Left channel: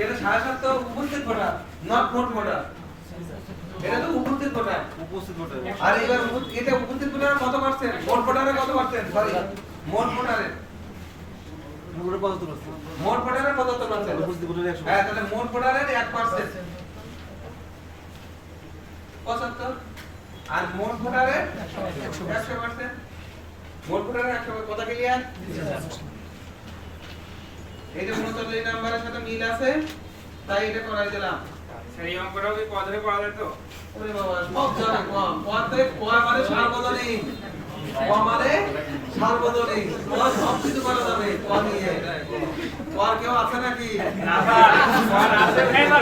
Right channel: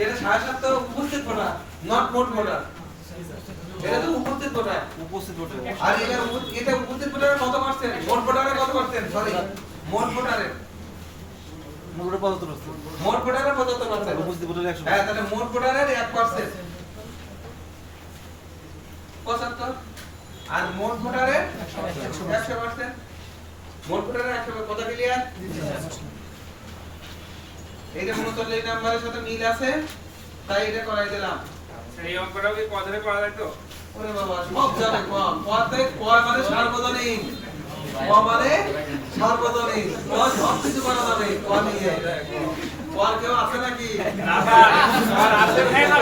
এটা সাড়ে সাত উপস্থিত ভোটার নট মোট ভোটার এটা তো উপস্থিত ভোটার। আর এবার এটা উপস্থিত কত পার্সেন্ট মোট কত পার্সেন্ট সরি মোট ভোটারের। মোট ভোটারের পঁচাত্তর পার্সেন্ট হ্যাঁ তাহলে মোট ভোটারের এক পার্সেন্ট পঁচাত্তর? আর মোট ভোটারের একশো পার্সেন্ট মোট ভোটারের একশো কত ক্লিয়ার এইটা মূলত এই নাম্বারের সাথে মিল আছে তাই এটা করাই দিলাম। এই অঙ্কটাও কি পদরে করা যায় তো। ওরে বাবা সব জানে ক পদে কয় মানে সার্বজনীন। ক মানে সার্বজনীন। ক সব কিছু করা যাবে। ক নিয়ে ক কেউ আছে নাকি? না আছে। আর